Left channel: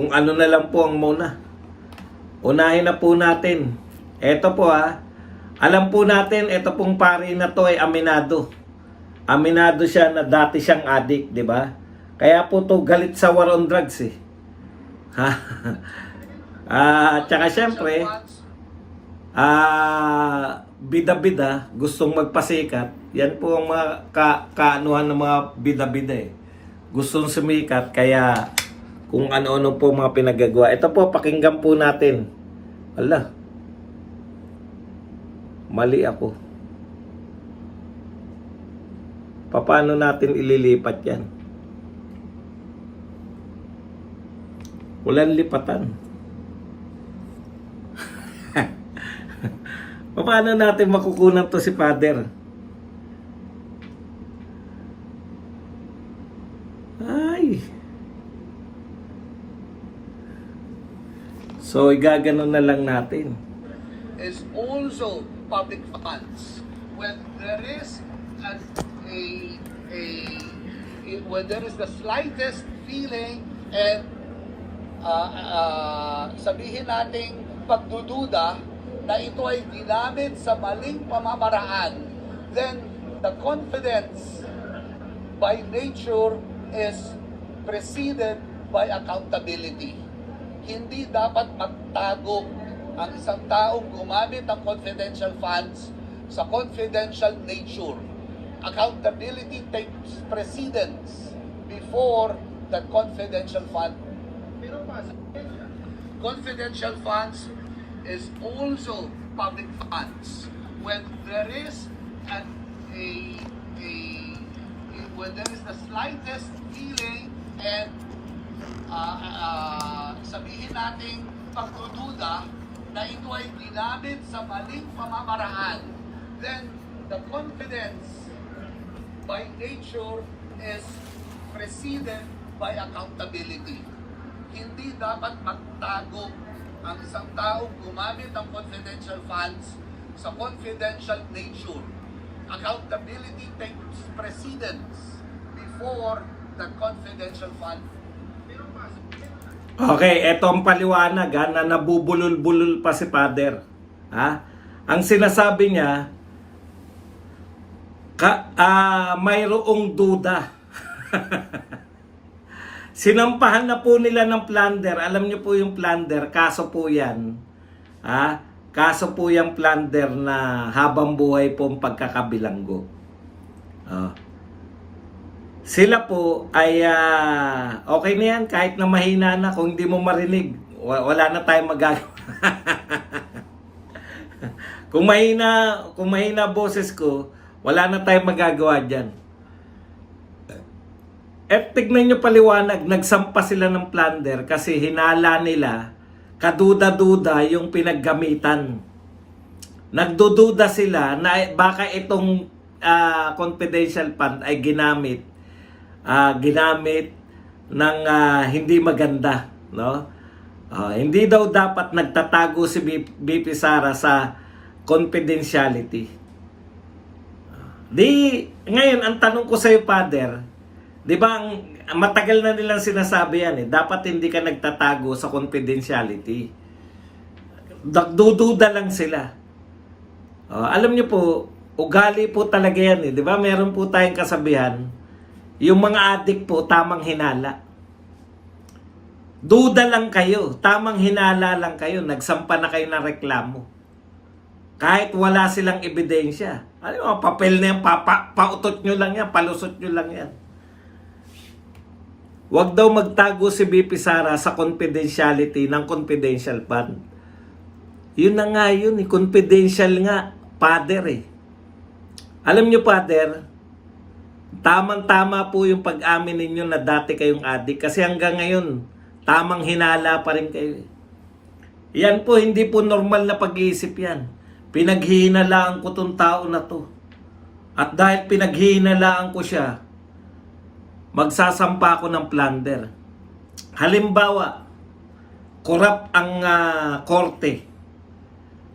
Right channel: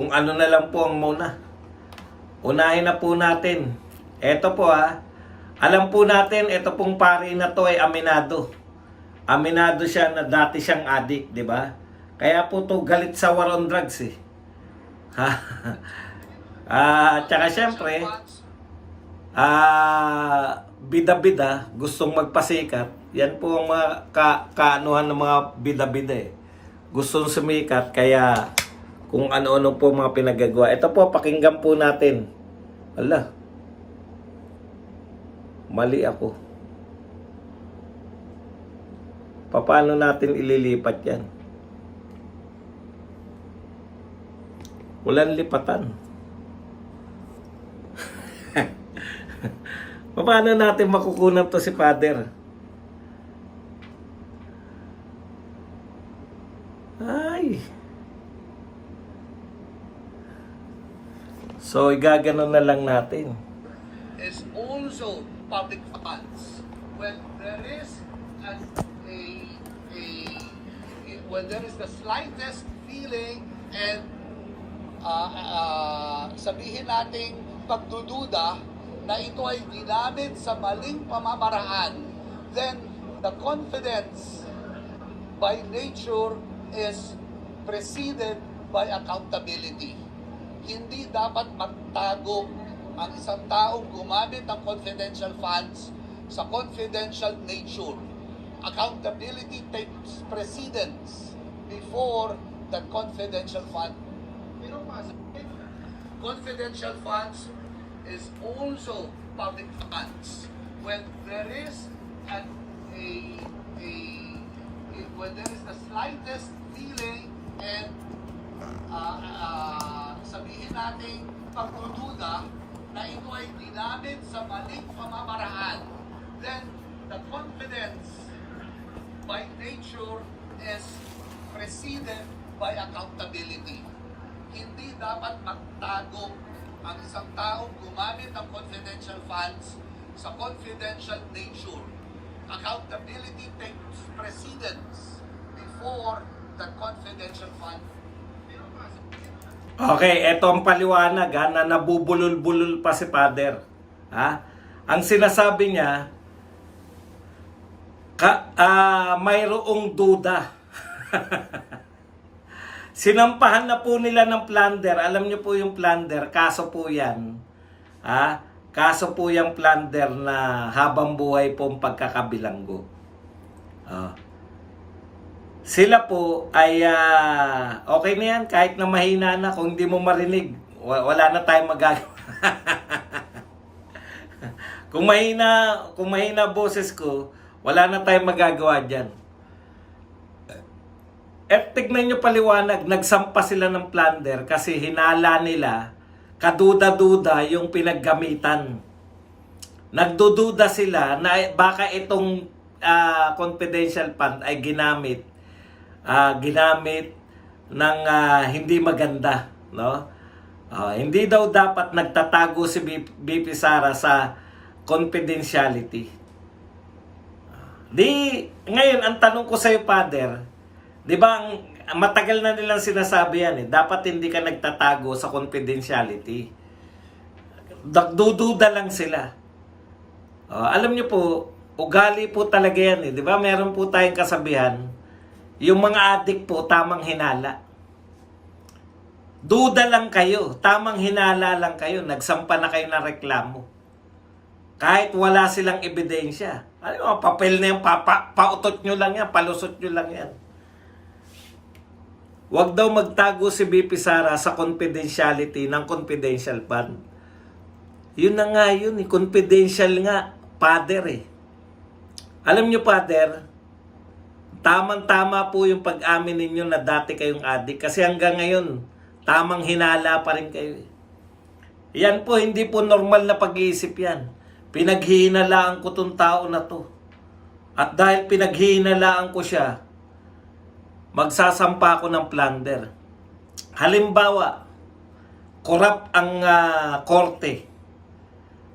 Kung ano na lang po ang muna. Unahin na po natin. Ito po alam po natin, ito pong pari na to ay aminado. Aminado siya na dati siyang addict, di ba? Kaya po to galit sa war on drugs eh. Ha? Tsaka syempre, bida-bida, gustong magpasikat. Yan po ang mga kaanuhan ng mga bida-bida eh. Gustong sumikat, kaya kung ano-ano po mga pinagagawa. Ito po, pakinggan po natin. Ala, mali ako. Paano natin ililipat yan? Walang lipatan. Paano natin makukunan to si Father? Ay. So, igaganon na lang natin. Is also public funds. When there is when there is the slightest feeling and sabihin nating pagdududa na ito ay ginamit sa maling pamamaraan, then the confidence by nature is preceded by accountability. Hindi dapat magtago ang isang taong gumamit ng confidential funds sa confidential nature. Accountability takes precedence before the confidential fund. Pero confidential funds is also public funds. When there is when there is the slightest feeling and sabihin natin pagdududa na ito ay ginamit sa maling pamamaraan, then the confidence by nature is preceded by accountability. Hindi dapat magtago ang isang taong gumamit ng confidential funds sa confidential nature. Accountability takes precedence before the confidential fund. Okay, eto ang paliwanag na nabubulol-bulol pa si Father. Ang sinasabi niya, mayroong duda. Sinampahan na po nila ng plunder. Alam niyo po yung plunder, kaso po yan. Kaso po yung plunder na habang buhay po ang pagkakabilanggo. Sila po ay okay na yan kahit na mahina na. Kung hindi mo marinig, wala na tayong magagawa. kung mahina boses ko, wala na tayong magagawa dyan. At tignan nyo paliwanag, nagsampa sila ng plunder kasi hinala nila, kaduda-duda yung pinaggamitan. Nagdududa sila na baka itong confidential fund ay ginamit ng hindi maganda, no? Hindi daw dapat nagtatago si BP Sara sa confidentiality. Ngayon ang tanong ko sa iyo, Father, 'di ba matagal na nilang sinasabi yan dapat hindi ka nagtatago sa confidentiality. Dududa lang sila. Alam niyo po, ugali po talaga yan 'di ba? Meron po tayong kasabihan, yung mga adik po, tamang hinala. Duda lang kayo, tamang hinala lang kayo, nagsampa na kayo ng reklamo. Kahit wala silang ebidensya. Ano, papel na yan, pautot nyo lang yan, palusot nyo lang yan. Huwag daw magtago si BP Sara sa confidentiality ng confidential fund. Yun na nga yun, confidential nga, Father Alam nyo, Father, tamang-tama po yung pag-amin ninyo na dati kayong adik kasi hanggang ngayon, tamang hinala pa rin kayo. Yan po, hindi po normal na pag-iisip yan. Pinaghihinalaan ko tong tao na to. At dahil pinaghihinalaan ko siya, magsasampa ako ng plunder. Halimbawa, korap ang korte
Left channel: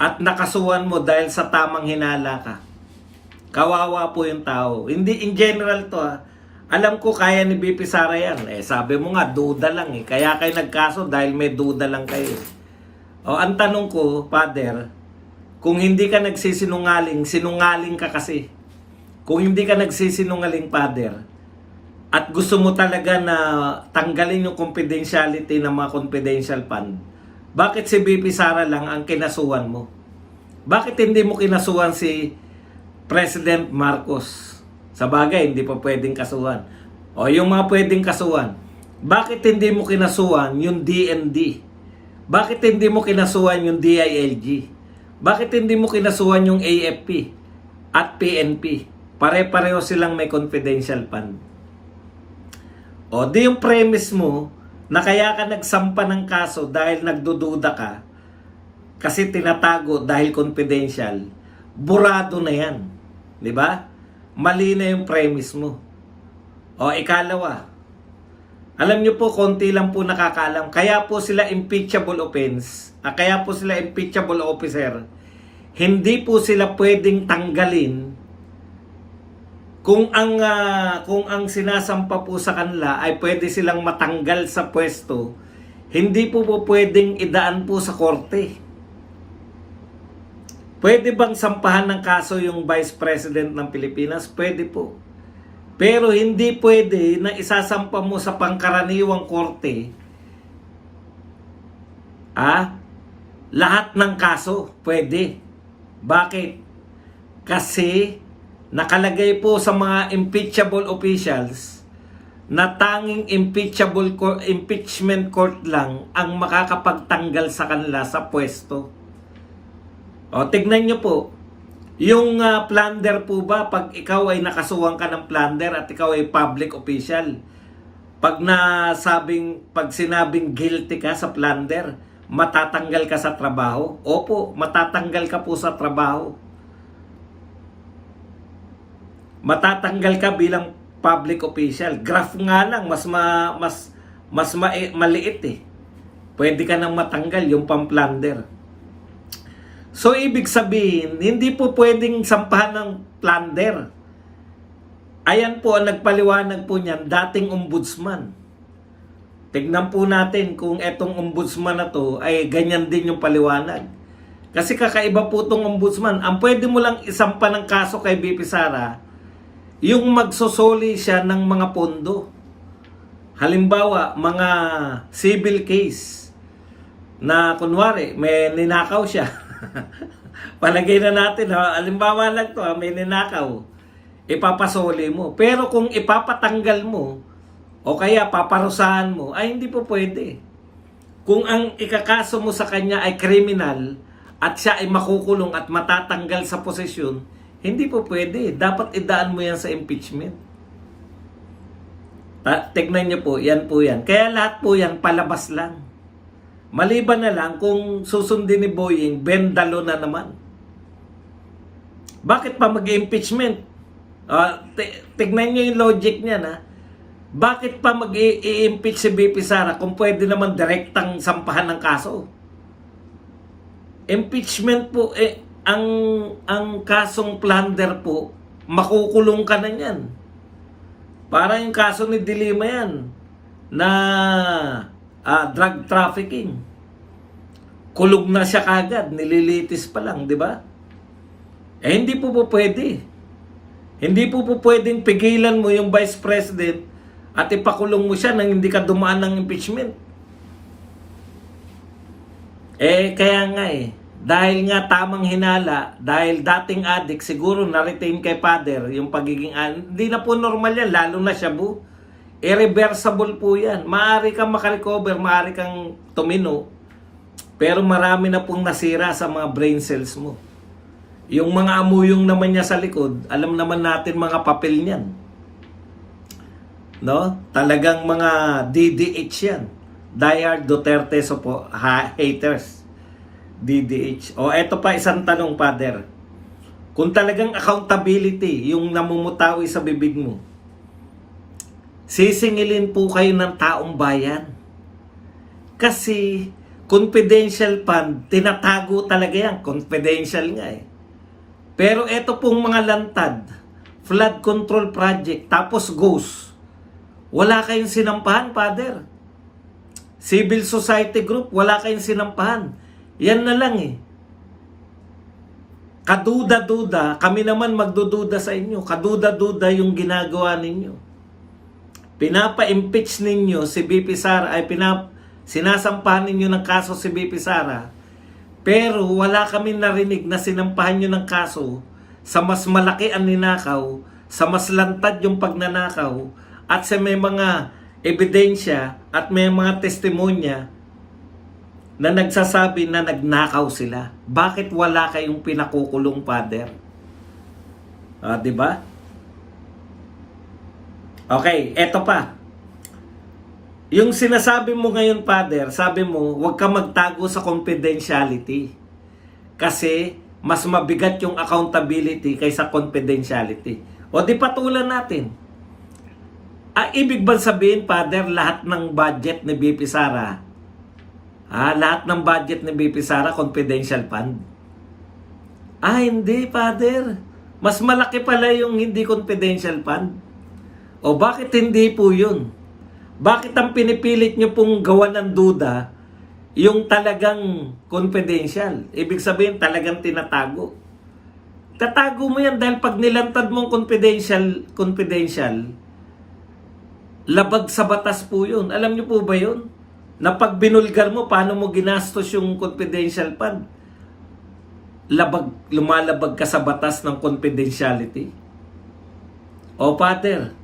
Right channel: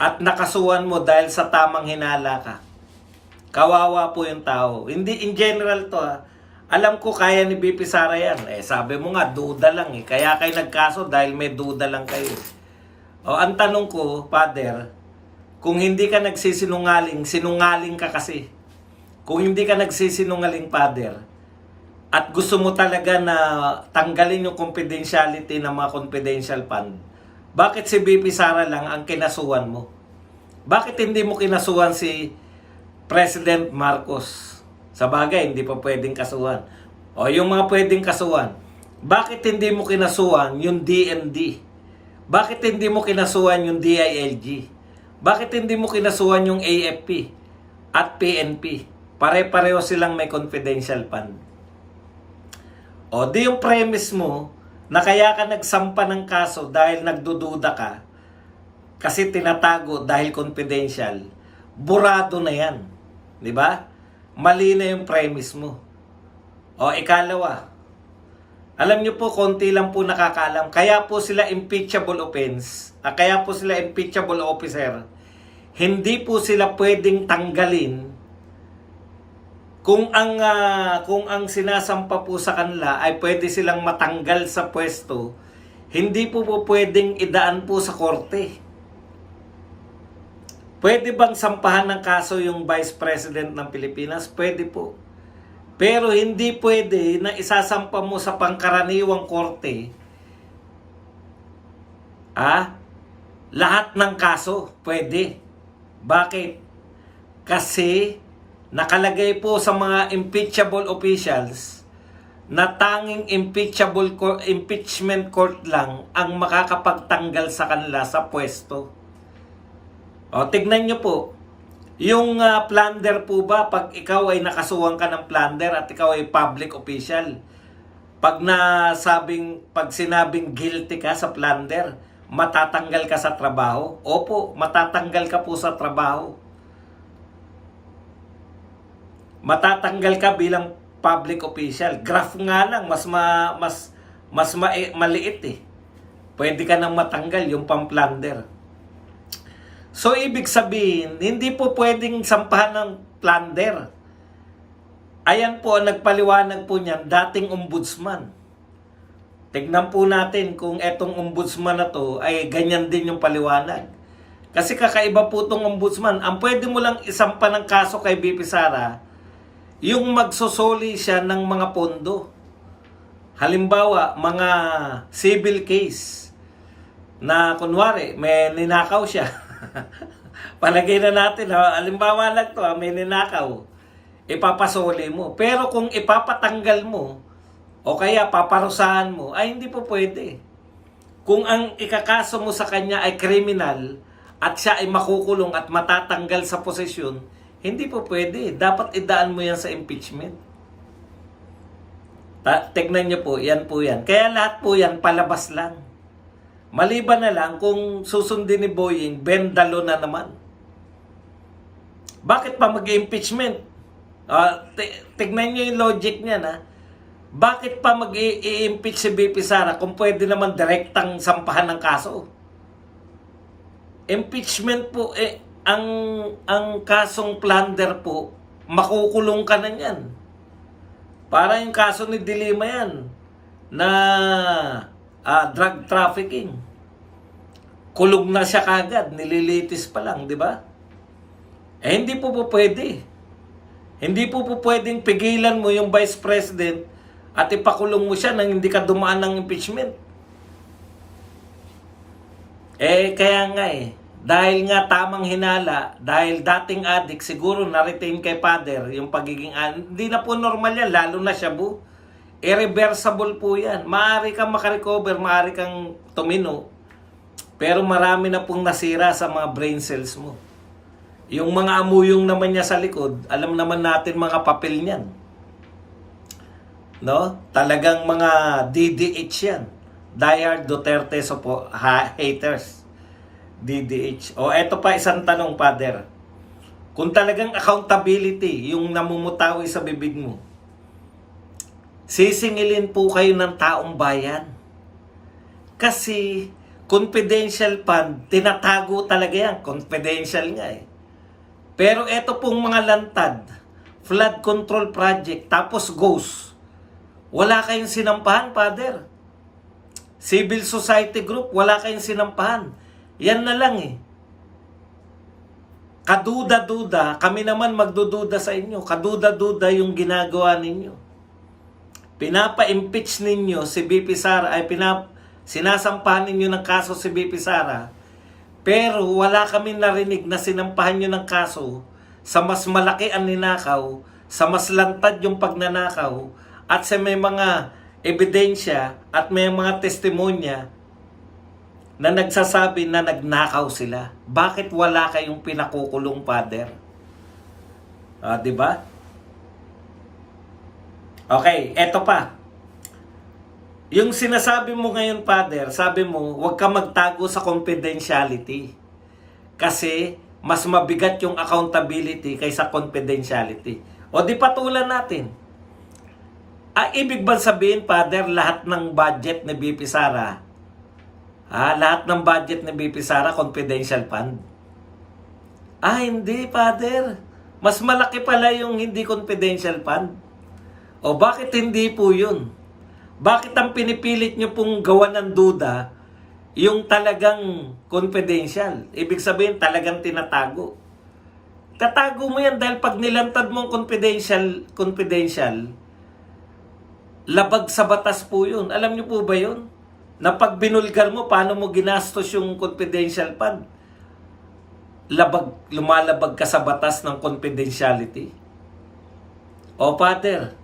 at nakasuhan mo dahil sa tamang hinala ka. Kawawa po yung tao. Hindi in general to Alam ko kaya ni BP Sara yan. Sabi mo nga, duda lang eh. Kaya kayo nagkaso dahil may duda lang kayo. O, ang tanong ko, Father, kung hindi ka nagsisinungaling, sinungaling ka kasi. Kung hindi ka nagsisinungaling, Father, at gusto mo talaga na tanggalin yung confidentiality ng mga confidential fund, bakit si BP Sara lang ang kinasuhan mo? Bakit hindi mo kinasuhan si President Marcos? Sa bagay, hindi pa pwedeng kasuhan. O yung mga pwedeng kasuhan, bakit hindi mo kinasuhan yung DND? Bakit hindi mo kinasuhan yung DILG? Bakit hindi mo kinasuhan yung AFP at PNP? Pare-pareho silang may confidential fund. O di yung premise mo na kaya ka nagsampa ng kaso dahil nagdududa ka kasi tinatago dahil confidential, burado na yan. Di ba? Mali na yung premise mo. O ikalawa, alam nyo po, konti lang po nakakaalam. Kaya po sila impeachable offense, kaya po sila impeachable officer, hindi po sila pwedeng tanggalin kung ang sinasampa po sa kanila ay pwede silang matanggal sa pwesto. Hindi po pwedeng idaan po sa korte. Pwede bang sampahan ng kaso yung Vice President ng Pilipinas? Pwede po. Pero hindi pwede na isasampa mo sa pangkaraniwang korte lahat ng kaso. Pwede. Bakit? Kasi nakalagay po sa mga impeachable officials na tanging impeachment court lang ang makakapagtanggal sa kanila sa pwesto. O, tignan nyo po, yung plunder po ba, pag ikaw ay nakasuhan ka ng plunder at ikaw ay public official, pag sinabing guilty ka sa plunder, matatanggal ka sa trabaho? Opo, matatanggal ka po sa trabaho. Matatanggal ka bilang public official. Graph nga lang, maliit eh. Pwede ka nang matanggal yung pang-plunder. So, ibig sabihin, hindi po pwedeng sampahan ng plunder. Ayan po ang nagpaliwanag po niyan, dating ombudsman. Tignan po natin kung etong ombudsman na to ay ganyan din yung paliwanag. Kasi kakaiba po itong ombudsman. Ang pwede mo lang isampa ng kaso kay BP Sara, yung magsusoli siya ng mga pondo. Halimbawa, mga civil case na kunwari, may ninakaw siya. Palagay na natin, halimbawa lang to, may ninakaw, ipapasoli mo. Pero kung ipapatanggal mo o kaya paparusahan mo, ay hindi po pwede. Kung ang ikakaso mo sa kanya ay kriminal at siya ay makukulong at matatanggal sa posisyon, hindi po pwede. Dapat idaan mo yan sa impeachment. Tignan nyo po, yan po yan. Kaya lahat po yan palabas lang. Maliban na lang kung susundin ni Boying, bendalo na naman. Bakit pa mag-impeachment? Tignan nyo yung logic niya na. Bakit pa mag-i-impeach si BP Sara kung pwede naman direktang sampahan ng kaso? Impeachment po, ang kasong plunder po, makukulong ka na yan. Para yung kaso ni Dilima yan, na drug trafficking. Kulog na siya kagad, nililitis pa lang, di ba? Hindi po pwede. Hindi po pwedeng pigilan mo yung Vice President at ipakulong mo siya nang hindi ka dumaan ng impeachment. Kaya nga dahil nga tamang hinala, dahil dating addict, siguro na-retain kay Father yung pagiging hindi na po normal yan, lalo na shabu. Irreversible po yan. Maaari kang makarecover, maaari kang tumino, pero marami na pong nasira sa mga brain cells mo. Yung mga amuyong naman niya sa likod, alam naman natin mga papel niyan. No? Talagang mga DDH yan. Diehard Duterte haters. DDH. O eto pa isang tanong, Father. Kung talagang accountability yung namumutawi sa bibig mo, sisingilin po kayo ng taong bayan. Kasi confidential fund, tinatago talaga yan. Confidential nga Pero eto pong mga lantad, flood control project, tapos ghost. Wala kayong sinampahan, Father. Civil society group, wala kayong sinampahan. Yan na lang eh. Kaduda-duda, kami naman magdududa sa inyo. Kaduda-duda yung ginagawa ninyo. Pinapa-impeach ninyo si BP Sara, sinasampahan ninyo ng kaso si BP Sara. Pero wala kami narinig na sinampahan nyo ng kaso sa mas malaki ang ninakaw, sa mas lantad yung pagnanakaw, at sa may mga ebidensya at may mga testimonya na nagsasabi na nagnakaw sila. Bakit wala kayong pinakukulong, Father? Di ba? Okay, eto pa. Yung sinasabi mo ngayon, Father, sabi mo, huwag ka magtago sa confidentiality. Kasi mas mabigat yung accountability kaysa confidentiality. O di patulan natin. Ibig ba sabihin, Father, lahat ng budget ni BP Sara, lahat ng budget ni BP Sara, confidential fund? Hindi, Father. Mas malaki pala yung hindi confidential fund. O bakit hindi po yun? Bakit ang pinipilit nyo pong gawa ng duda yung talagang confidential? Ibig sabihin, talagang tinatago. Tatago mo yan dahil pag nilantad mong confidential, labag sa batas po yun. Alam nyo po ba yun? Na pag binulgar mo, paano mo ginastos yung confidential fund? Lumalabag ka sa batas ng confidentiality. O Father,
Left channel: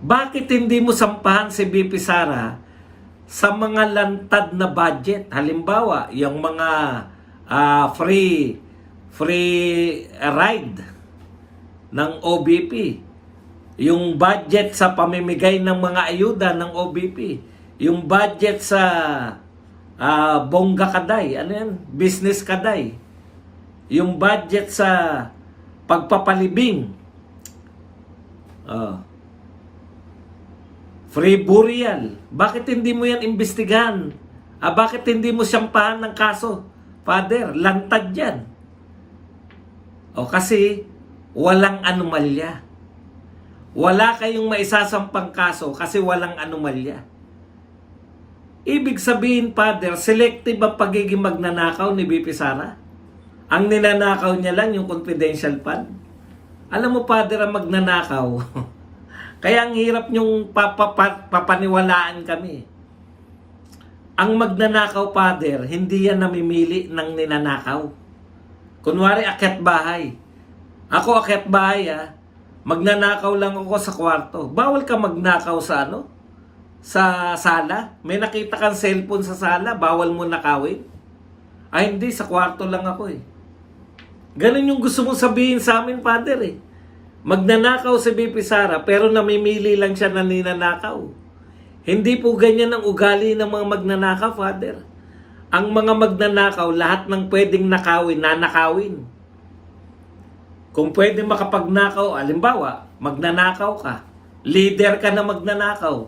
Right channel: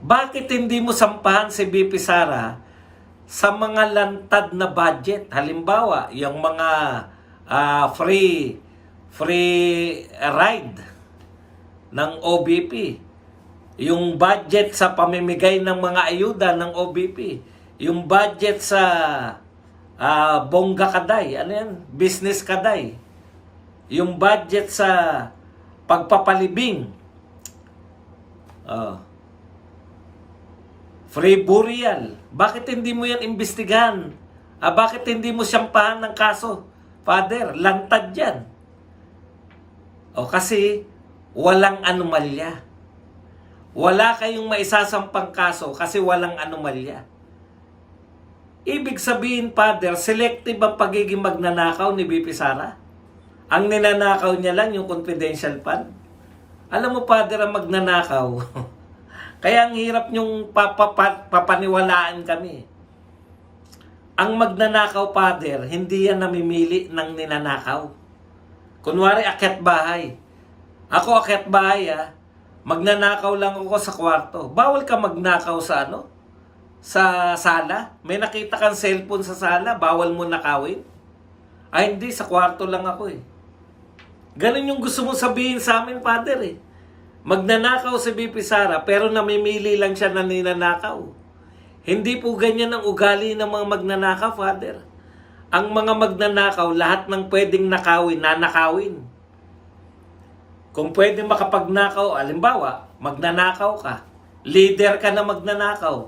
bakit hindi mo sampahan si BP Sara sa mga lantad na budget? Halimbawa, yung mga free ride ng OBP, yung budget sa pamimigay ng mga ayuda ng OBP, yung budget sa Bongga Kaday, ano yan? Business Kaday, yung budget sa pagpapalibing, free burial. Bakit hindi mo yan imbestigahan? Bakit hindi mo sampahan ng kaso? Father, lantad yan. Kasi walang anomalya. Wala kayong maisasampang kaso kasi walang anomalya. Ibig sabihin, Father, selective ang pagiging magnanakaw ni BP Sara. Ang ninanakaw niya lang yung confidential fund. Alam mo, Father, ang magnanakaw, kaya ang hirap niyong papaniwalaan kami. Ang magnanakaw, Father, hindi yan namimili ng ninanakaw. Kunwari, akyat bahay. Ako akyat bahay, magnanakaw lang ako sa kwarto. Bawal ka magnakaw sa sa sala. May nakita kang cellphone sa sala, bawal mo nakawin. Hindi, sa kwarto lang ako Ganun yung gusto mong sabihin sa amin, Father Magnanakaw si BP Sara pero namimili lang siya na ninanakaw. Hindi po ganyan ang ugali ng mga magnanakaw, Father. Ang mga magnanakaw, lahat ng pwedeng nakawin, nanakawin. Kung pwede makapagnakaw, alimbawa, magnanakaw ka. Leader ka na magnanakaw.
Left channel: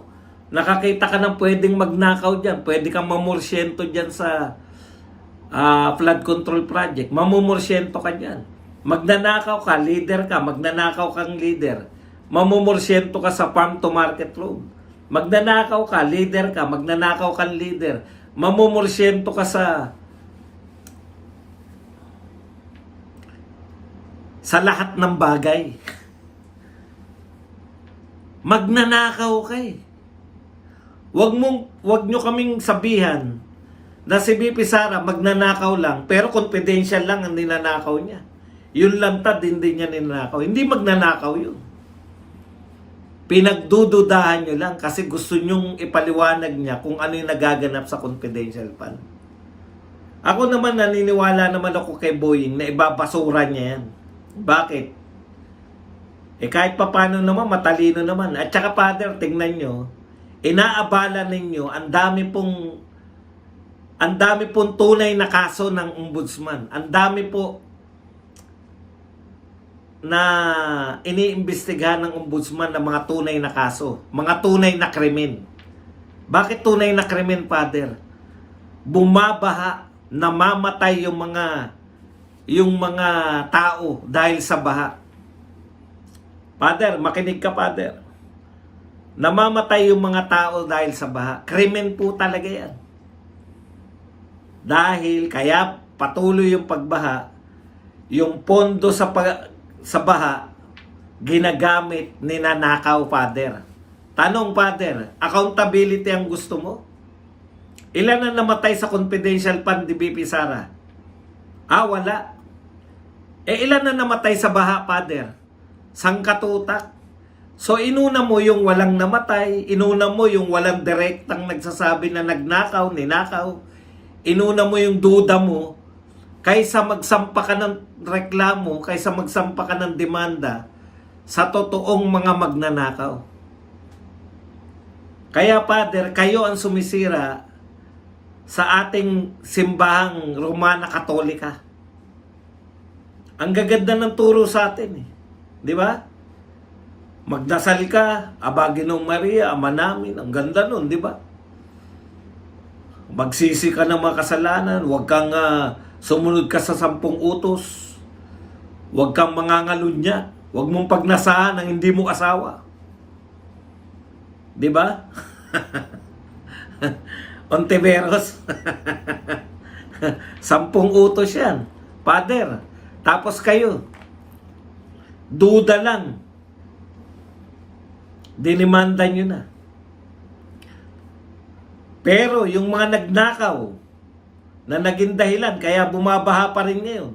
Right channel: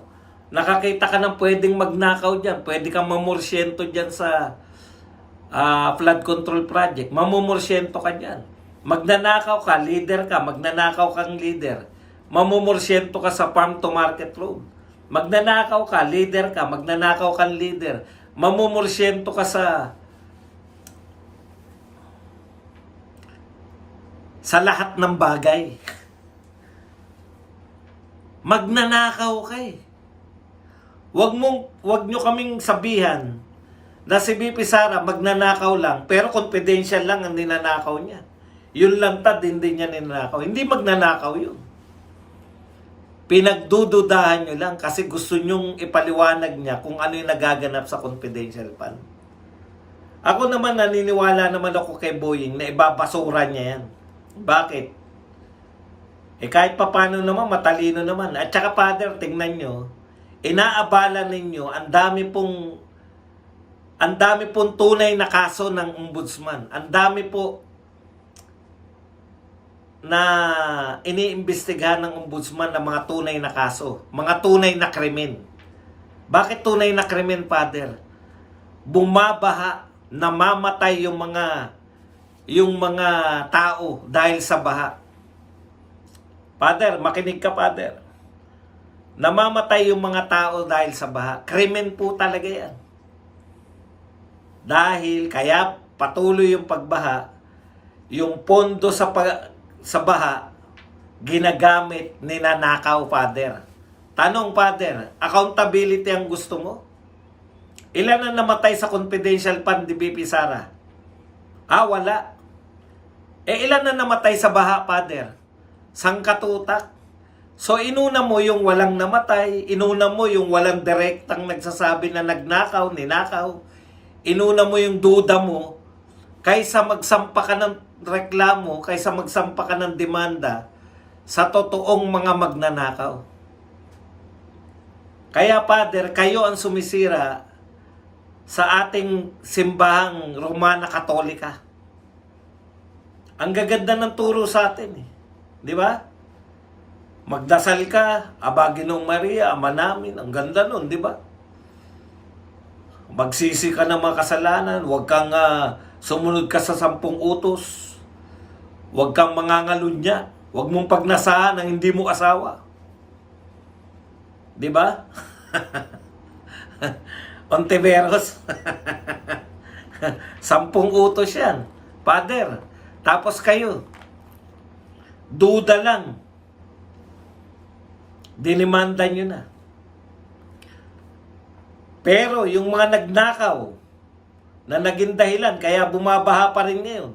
Nakakita ka ng pwedeng magnakaw dyan. Pwede kang mamorsyento dyan sa flood control project. Mamumorsyento ka dyan. Magnanakaw ka, leader ka, magnanakaw kang leader. Mamumorsyento ka sa farm to market road. Magnanakaw ka, leader ka, magnanakaw kang leader. Mamumorsyento ka sa lahat ng bagay. Magnanakaw ka Wag nyo kaming sabihan na si BP Sara magnanakaw lang, pero confidential lang ang ninanakaw niya. Yun lantad, hindi niya ninanakaw. Hindi magnanakaw yun. Pinagdududahan nyo lang kasi gusto nyong ipaliwanag niya kung ano yung nagaganap sa confidential fund. Ako naman, naniniwala naman ako kay Boying na ibabasura niya yan. Bakit? Kahit papano naman, matalino naman. At saka, Father, tingnan nyo, inaabala ninyo, ang dami pong tunay na kaso ng ombudsman. Ang dami po na iniimbestigahan ng ombudsman ng mga tunay na kaso, mga tunay na krimen. Bakit tunay na krimen, Father? Bumabaha, namamatay yung mga tao dahil sa baha. Father, makinig ka, Father. namamatay yung mga tao dahil sa baha. Krimen po talaga yan. Dahil kaya patuloy yung pagbaha, yung pondo sa baha, ginagamit, ninanakaw, Father. Tanong, Father, accountability ang gusto mo? Ilan na namatay sa confidential fund ni BP Sara? Wala. Ilan na namatay sa baha, Father? Sangkatutak. So, inuna mo yung walang namatay, inuna mo yung walang direktang nagsasabi na nagnakaw, ninakaw, inuna mo yung duda mo, kaysa magsampa ka ng reklamo, kaysa magsampa ka ng demanda sa totoong mga magnanakaw. Kaya, Father, kayo ang sumisira sa ating simbahang Romana Katolika. Ang gaganda ng turo sa atin eh. Di ba? Magdasal ka, Aba Ginoong Maria, Ama namin. Ang ganda nun, di ba? Magsisi ka ng mga kasalanan, huwag kang sumunod ka sa 10 utos. Huwag kang mangangalunya. Huwag mong pagnasahan ang hindi mo asawa. Di ba? Ontiveros. 10 utos yan. Father, tapos kayo, duda lang. Dinimanda nyo na. Pero yung mga nagnakaw na naging dahilan, kaya bumabaha pa rin ngayon,